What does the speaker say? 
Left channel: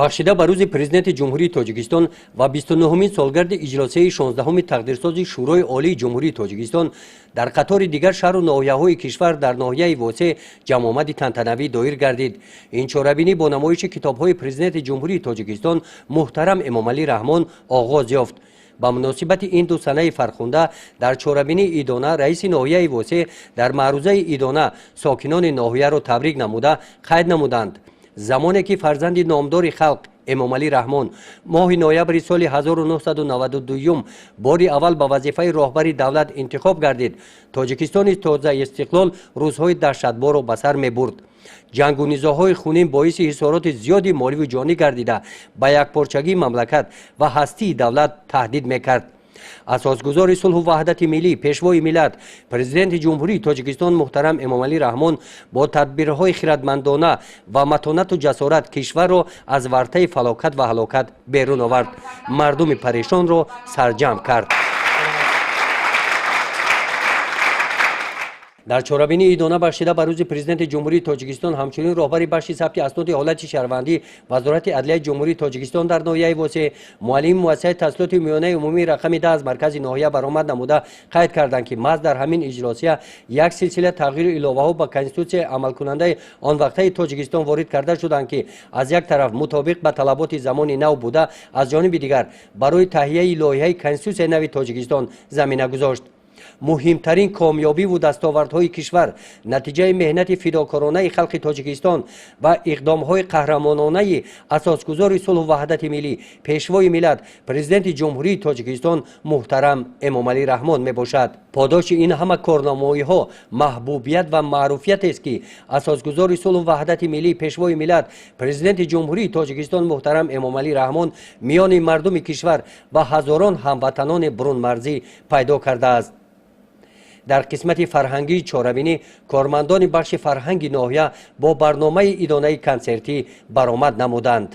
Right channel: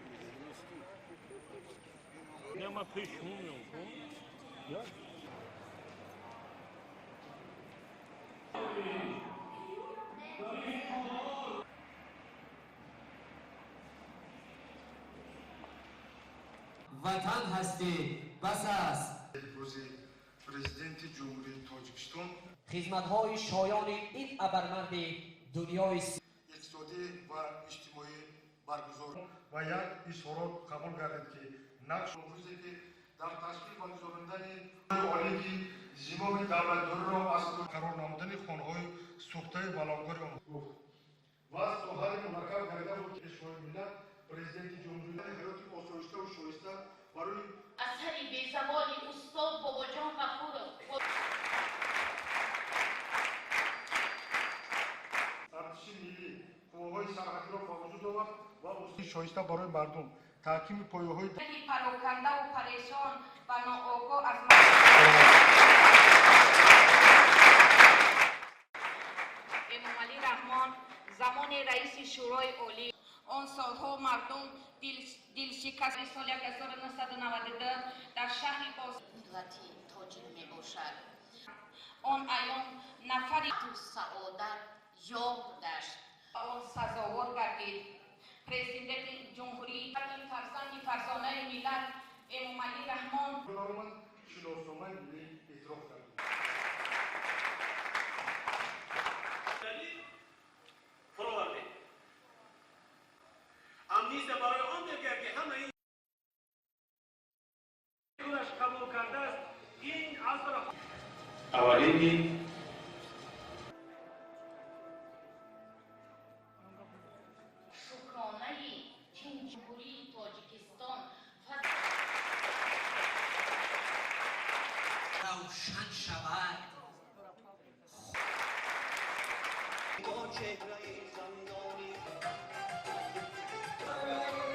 бахшида ба рӯзи президенти ҷумҳурии Тоҷикистон ва 29-умин солгарди иҷлосияи 16-уми тақдирсози шӯрои олии ҷумҳурии Тоҷикистон дар қатори дигар шаҳру ноҳияҳои кишвар дар ноҳияи восеъ ҷамъомади тантанавӣ доир гардид. Ин чорабинӣ бо намоиши китобҳои президенти ҷумҳурии Тоҷикистон муҳтарам Эмомалӣ Раҳмон оғоз ёфт. ба муносибати ин ду санаи фархунда дар чорабинии Идона раиси ноҳияи восеъ дар маърузаи Идона сокинони ноҳияро табрик намуда қайд намуданд. замоне ки фарзанди номдори халқ Эмомалӣ Раҳмон моҳи ноябри соли 1992 бори аввал ба вазифаи роҳбари давлат интихоб гардид, Тоҷикистони тоза истиқлол рӯзҳои даҳшатборро ба сар мебурд. ҷангу низоъҳои хунин боиси ҳисороти зиёди моливу ҷонӣ гардида ба якпорчагии мамлакат ва ҳастии давлат таҳдид мекард. асосгузори сулҳу ваҳдати миллӣ, пешвои миллат, президенти ҷумҳурии Тоҷикистон муҳтарам Эмомалӣ Раҳмон бо тадбирҳои хиратмандона ва матонату ҷасорат кишварро аз вартаи фалокат ва ҳалокат берун овард, мардуми парешонро сарҷамъ кард. дар чорабинии Идона бахшида ба рӯзи президенти ҷумҳурии Тоҷикистон ҳамчунин роҳбари бахши сабти асноди ҳолати шаҳрвандӣ вазорати адлияи ҷумҳурии Тоҷикистон дар ноҳияи восеъ муаллими муассисаи таҳсилоти миёнаи умумии рақами 10 аз маркази ноҳия баромад намуда қайд карданд ки маҳз дар ҳамин иҷлосия як силсила тағйиру иловаҳо ба конститутсияи амалкунандаи он вақтаи Тоҷикистон ворид карда шуданд ки аз як тараф мутобиқ ба талаботи замони нав буда, аз ҷониби дигар барои таҳияи лоиҳаи конститутсияи нави Тоҷикистон замина гузошт. муҳимтарин комёбиву дастовардҳои кишвар натиҷаи меҳнати фидокоронаи халқи Тоҷикистон ва иқдомҳои қаҳрамононаи асосгузори сулҳу ваҳдати миллӣ, пешвои миллат, президенти ҷумҳурии Тоҷикистон муҳтарам Эмомалӣ Раҳмон мебошад. подоши ин ҳама корномоиҳо маҳбубият ва маъруфиятест ки асосгузори сулҳу ваҳдати миллӣ, пешвои миллат, президенти ҷумҳурии Тоҷикистон муҳтарам Эмомалӣ Раҳмон миёни мардуми кишвар ва ҳазорон ҳамватанони брунмарзӣ пайдо кардааст. дар қисмати фарҳангии чорабинӣ кормандони бахши фарҳанги ноҳия бо барномаи идонаи консертӣ баромад намуданд.